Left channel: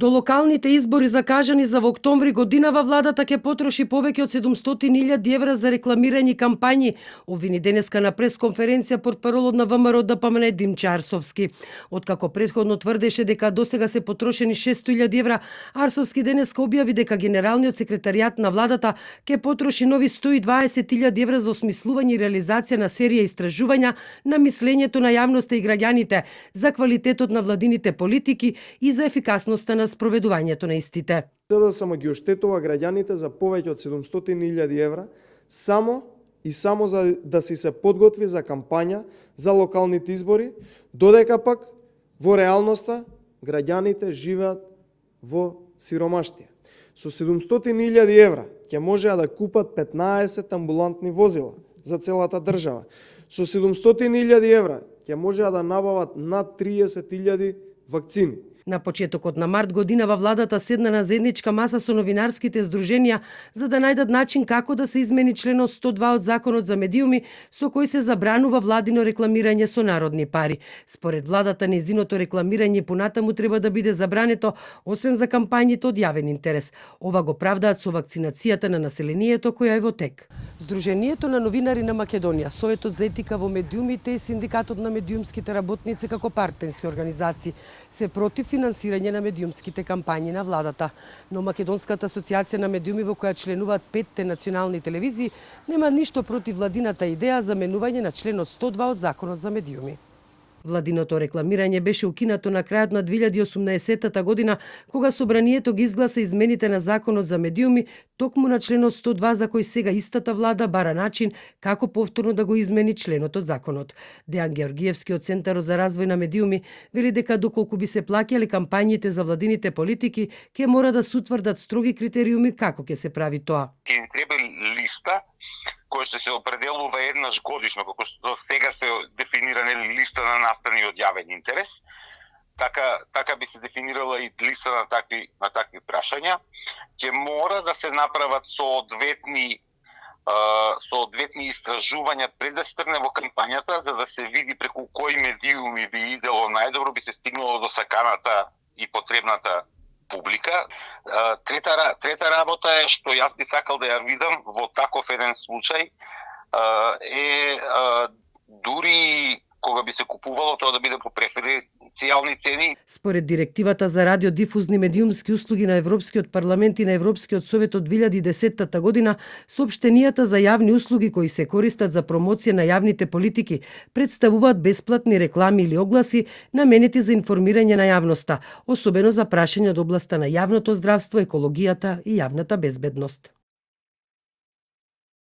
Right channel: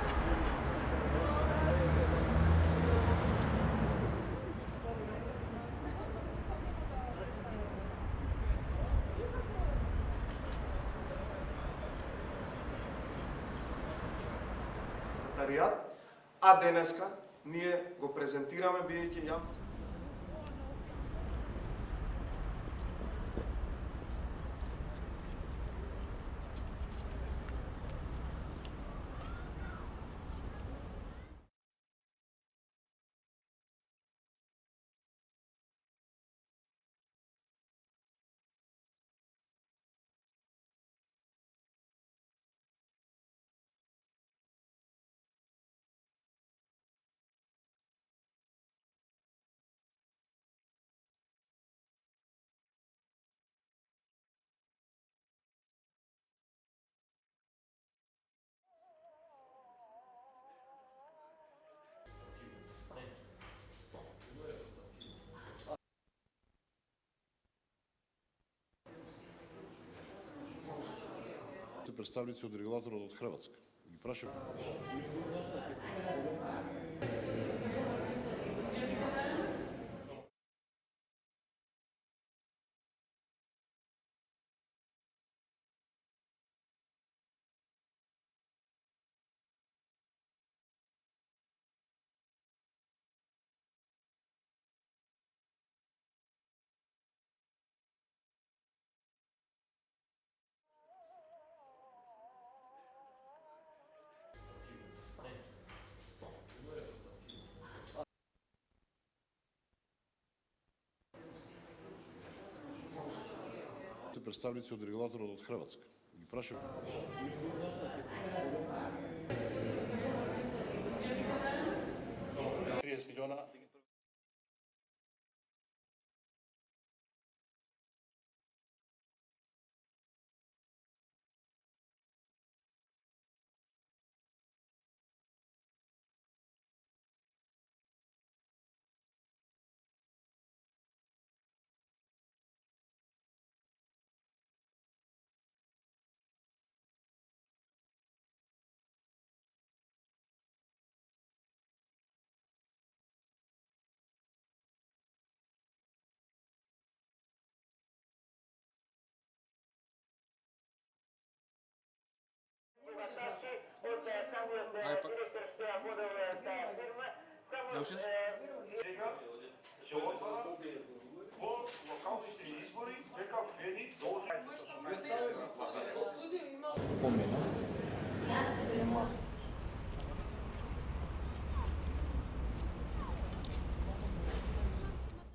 До локалните избори закажани за во октомври годинава, владата ќе потроши повеќе од 700.000 евра за рекламирање кампањи, обвини денеска на пресконференција портпаролот на ВМРО ДПМН Димче Арсовски. Откако претходно тврдеше дека досега се потрошени 600.000 евра, Арсовски денеска објави дека генералниот секретаријат на владата ќе потроши нови 120.000 евра за осмислување и реализација на серија истражувања на мислењето на јавноста и граѓаните, за квалитетот на владините политики и за ефикасноста на спроведувањето на истите. СДСМ ги оштетува граѓаните за повеќе од 700.000 евра само за да се подготви за кампања за локалните избори, додека пак во реалноста граѓаните живеат во сиромаштија. Со 700.000 евра ќе можеа да купат 15 амбулантни возила за целата држава. Со 700.000 евра ќе можеа да набават над 30.000 вакцини. На почетокот на март годинава владата седна на заедничка маса со новинарските здруженија за да најдат начин како да се измени членот 102 од Законот за медиуми, со кој се забранува владино рекламирање со народни пари. Според владата, незиното рекламирање понатаму треба да биде забрането, освен за кампањите од јавен интерес. Ова го правдаат со вакцинацијата на населението која е во тек. Сдруженијето на новинари на Македонија, Советот за етика во медиумите и Синдикатот на медиумските работници како партнерски организации се против финансирање на медиумските кампањи на владата. Но Македонската асоциација на медиуми, во која членуваат 5 национални телевизии, нема ништо против владината идеја за менување на членот 102 од Законот за медиуми. Владиното рекламирање беше укинато на крајот на 2018 година, кога собранието ги изгласа измените на Законот за медиуми, токму на членот 102 за кој сега истата влада бара начин како повторно да го измени членот од законот. Дејан Георгиевски од Центарот за развој на медиуми вели дека доколку би се плаќале кампањите за владините политики, ќе мора да се утврдат строги критериуми како ќе се прави тоа. Треба листа кој ще се определува еднаш годишно, како што сега се дефинирана листа на настани од јавен интерес, така би се дефинирала и листа на такви прашања. Ќе мора да се направат соодветни истражувања пред да се тргне во кампањата, за да се види преку кои медиуми би идело најдобро, би се стигнало до саканата и потребната публика. Трета работа е што јас би сакал да ја видам во таков еден случај дури кога би се купувало тоа да биде по преференцијални цени. Според директивата за радиодифузни медиумски услуги на Европскиот парламент и на Европскиот совет од 2010 година, соопштенијата за јавни услуги кои се користат за промоција на јавните политики представуваат бесплатни реклами или огласи наменети за информирање на јавноста, особено за прашања од областа на јавното здравство, екологијата и јавната безбедност.